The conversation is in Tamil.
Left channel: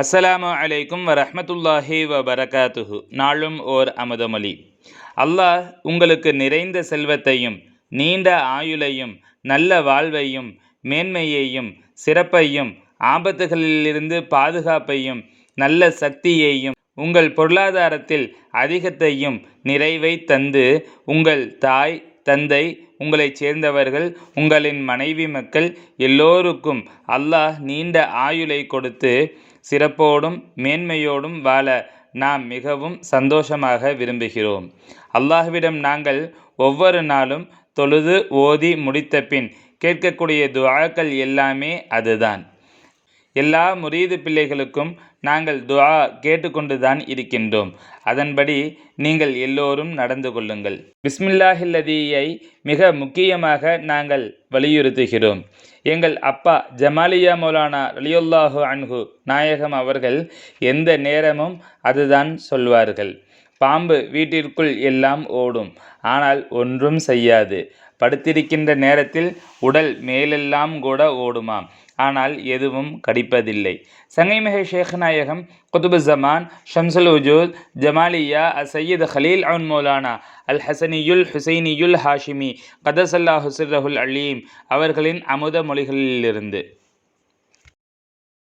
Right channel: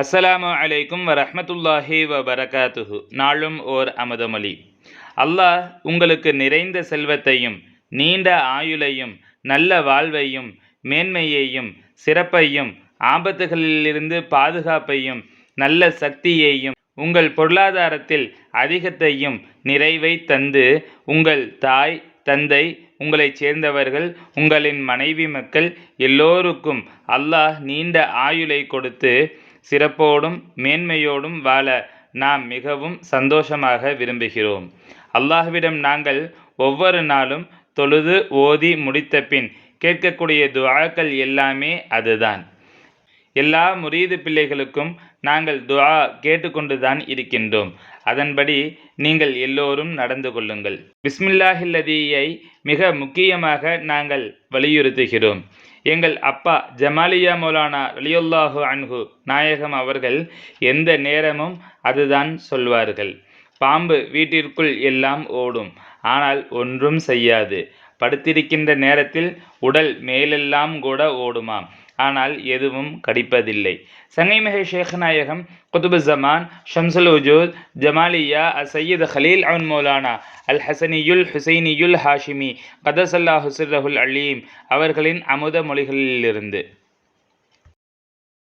அஸ்ஸலாமு அலைக்கும் வரஹ்மத்துல்லாஹி வபரகாத்துஹு. நாளும் ஓர் அமுதமொழி. அல்லாஹ் உங்களுக்கு நிறைந்த செல்வத்தையும் நீண்ட ஆயுளையும் நல்ல வாழ்வையும் மேன்மையையும் சிறப்பையும் ஆபத்துகளிலிருந்து பாதுகாப்பையும் நல்ல சக்தியையும் உங்கள் பொருளாதாரத்தில் அதிகத்தையும் நிறைவை தந்து உங்கள் தாய் தந்தை உங்களைச் சேர்ந்தவர்கள் உங்களின் மனைவி மக்கள் எல்லோருக்கும் அல்லாஹ் நீண்ட ஆயுளை கொடுத்து சிறப்போடும் மேன்மையோடும் வாழ நாம் மிகவும் சந்தோஷமாக விரும்புகிறோம். அல்லாஹ்விடம் நாங்கள் ஒவ்வொரு நாளும் தொழுது ஓதி முடித்த பின் கேட்கக்கூடிய துஆக்கள் எல்லாமே அதுதான். எல்லா முரீது பிள்ளைகளுக்கும் நாங்கள் துஆ கேட்டுக்கொண்டுதான் இருக்கின்றோம். அதன்படி நீங்கள் எல்லோரும் நடந்து கொள்ளுங்கள். பிஸ்மில்லாஹில்லதீயை மிக முக்கியமாக நாங்கள் வலியுறுத்துகிறோம். எங்கள் அப்பா ஜமாலியா மௌலானா ரலியல்லாஹு அன்ஹு நாயகம் அவர்கள் எந்த நேரமும் அதுதான் சொல்வார்கள். பாம்பு வீட்டிற்குள் எல்லாம் ஓடும், ஆனால் ஒன்றும் செய்யாது. படுத்திருக்கின்ற நேரத்தில் உடல் மேலெல்லாம் கூட ஓடுமாம், ஆனால் எதுவும் கடிப்பதில்லை. சங்கைமிகு ஷேக் நாயகம் குதுபு ஜமான் ஷம்சுல் வஜூத் ஜமாலியா சையீத் ஹலீல் அன் மௌலானா அல் ஹசனியுல் ஹுசைனியுல் ஹாஷிமி கதசல்லாஹு சிர்ரஹுல் அலீம் அவர்களின் அமுத மொழிகளிலிருந்து.